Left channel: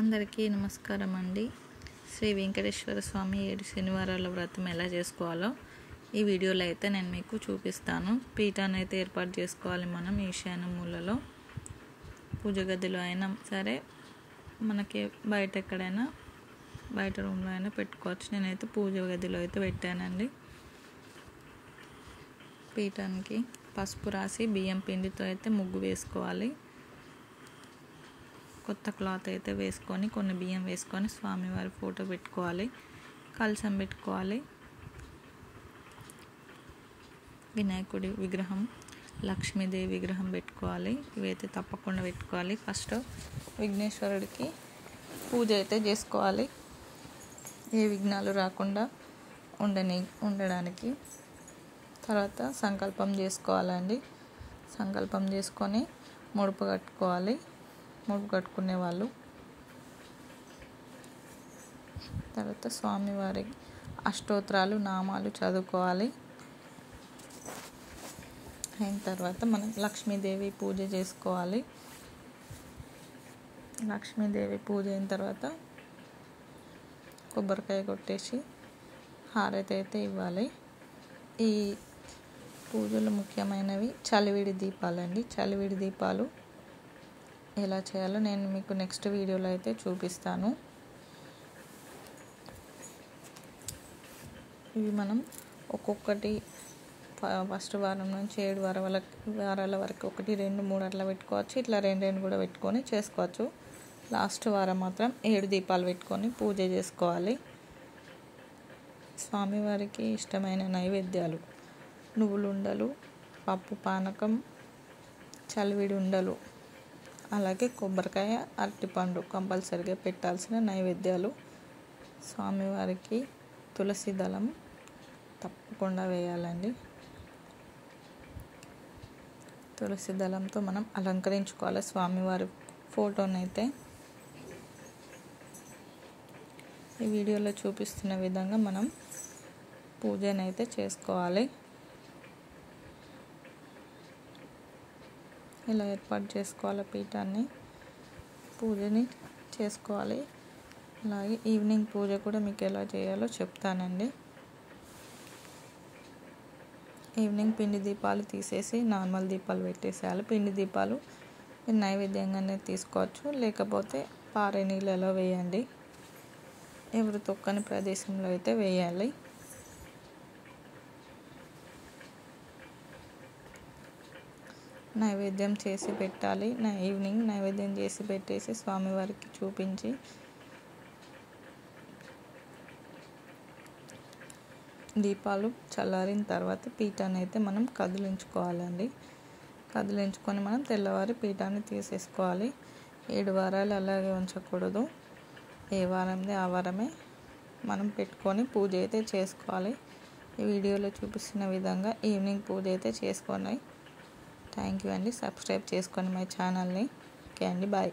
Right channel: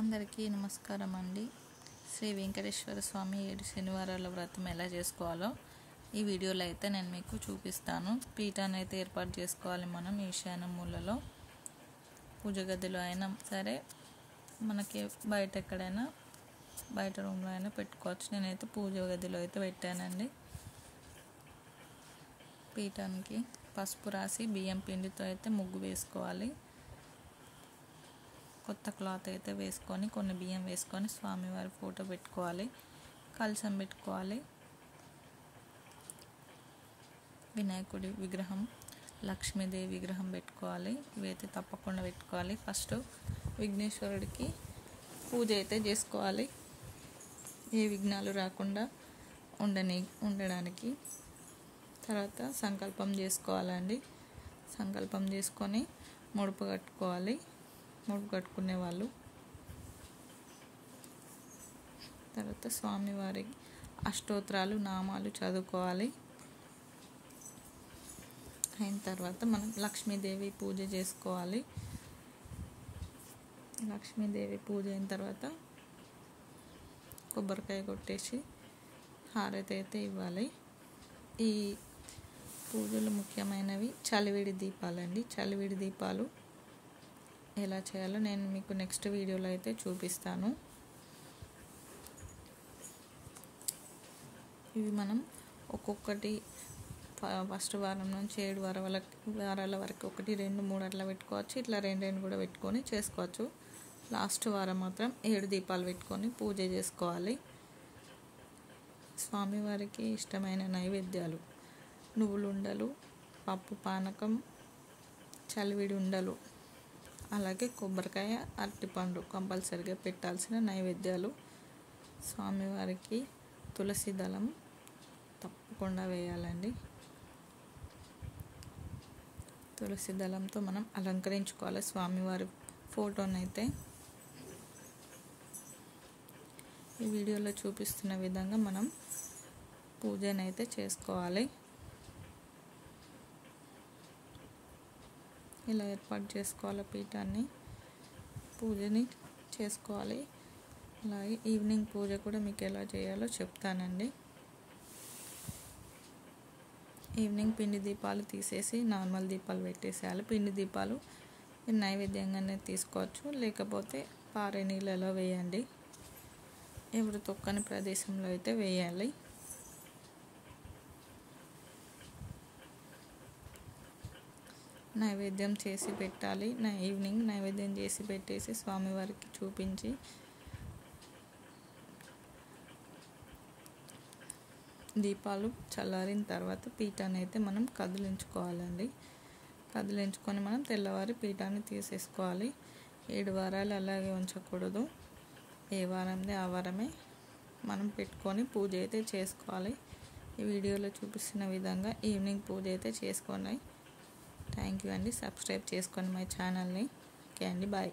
అందరికీ నమస్కారం అండి. శ్రీ వెంకటేశ్వర స్వామి 7 శనివారాల వ్రతం ఎలా చేసుకోవాలో ఈ వీడియోలో అయితే నేను మీకు చూపిస్తాను. పీఠాన్ని అయితే ఏర్పాటు చేసుకోవాలి. మనం ఈశాన్య మూలలో పూజ గదిలో అయినా సరే, మనకి బయట ఎక్కడైనా బయట రూమ్లో అయినా పెట్టుకోవచ్చు. నేనైతే పూజ గదిలో అయితే పెట్టానండి. పీఠానికి పసుపు రాసి బియ్యం పిండితో అయితే ముగ్గు వేసుకోవాలి. కొత్త క్లాత్ అయితే వేసుకొని కొన్ని బియ్యం వేసుకొని స్వామివారి ఫోటో పెట్టుకోవాలి. కలశం పెట్టుకోవాలి. వినాయకుడి విగ్రహం, లక్ష్మీదేవి విగ్రహం పెట్టుకోవాలి. ఇవైతే తప్పకుండా పెట్టుకోవాలి. ఫస్ట్ విఘ్నేశ్వరుడికి పూజ అయితే చేసుకోవాలి. ఏ విఘ్నాలు రాకుండా ఉండడానికి. తర్వాత సంకల్పం చేసుకోవాలండి. సంకల్పం చేసుకొని ముడుపు కట్టుకోవాలి. ముడుపు కట్టుకునే వాళ్ళు తర్వాత స్వామివారి అష్టోత్తరాలు నామాలు చదువుకోవాలి. అయిన తర్వాత మనం లక్ష్మీదేవి పూజ చేసుకోవాలి. లక్ష్మీదేవి పూజ అయిన తర్వాత కొబ్బరికాయ కొట్టేసి హారతి అయితే ఇవ్వాలి. ఈ పూజలు ముఖ్యమైనవి చలివిడి దీపాలండి. చలివిడి దీపాలు ఎలా చేయాలో నేను మీకు నెక్స్ట్ వీడియోలో అయితే చూపిస్తాను. ఇవి మనం ఒక్కొక్కటి ఫస్ట్ వారం నుంచి 7 వారాల వరకు 1, 2, 3 అట్లా పెట్టుకోవచ్చు. ఇట్లా 2 కూడా పెట్టుకొని చేసుకోవచ్చు. లాస్ట్ వారం మాత్రం 7 దీపాలు పెట్టుకొని పూజ చేసుకోవాలి. స్వామివారికి ఇష్టమైన నైవేద్యాలు నువ్వులు ఉండలు, పప్పు పానకం, చలివిడి ఉండలు, అలాగే కొబ్బరికాయ, అరటిపండు కంపల్సరిగా పెట్టాల్సిన నైవేద్యాలు. స్వామివారికి తులసి దళం తప్పకుండా వేయాలండి. తులసి దళంతో మనం అలంకరించుకోవాలి స్వామివారి ఫోటోనైతే. ఈ వీడియోలో చూపిస్తున్న విధంగా మనం పూజనైతే చేసుకోవాలి. ఇలా ఏర్పాటు చేసుకోవాలి. పీఠాన్ని పూజని చేసుకోవాలి. అలాగే ఈవినింగ్ పూజ కూడా మీకు ఎలా చేయాలో చెప్తానండి. ఈవినింగ్ పిండి దీపాలు తీసేసి నార్మల్ దీపాలు పెట్టేసేయాలి. పిండి దీపాలు నైవేద్యంగానే తీసుకోవచ్చు, లేకపోతే పారే నీళ్ళలో వేయండి. ఎవరు తొక్కని ప్రదేశంలో అయితే వేయాలి. నైవేద్యం చేసి పెట్టాలి. ఈవినింగ్ నైవేద్యం చేసి పెట్టేసి స్వామివారికి చూపించి దీపాలు చల్లారిన తర్వాత పీఠాన్ని అయితే మనం కదిలించుకోవాలండి. కదిలించుకొని మనం తెల్లవారి పీఠాన్ని తీసేసుకోవాలి. 7 వారాలు అలాగే ఉంచకూడదు. ఏ వారంది ఆ వారమే మనం పెట్టుకొని పూజ అయితే చేసుకోవాలి. ఈ వీడియోలో చూపిస్తున్న విధంగా ఈవినింగ్ పూజ అయితే చేసుకోండి. థ్యాంక్ యూ అండి. సబ్స్క్రైబ్ చేసుకోండి మై ఛానల్ని. ఓకే అండి, బాయ్.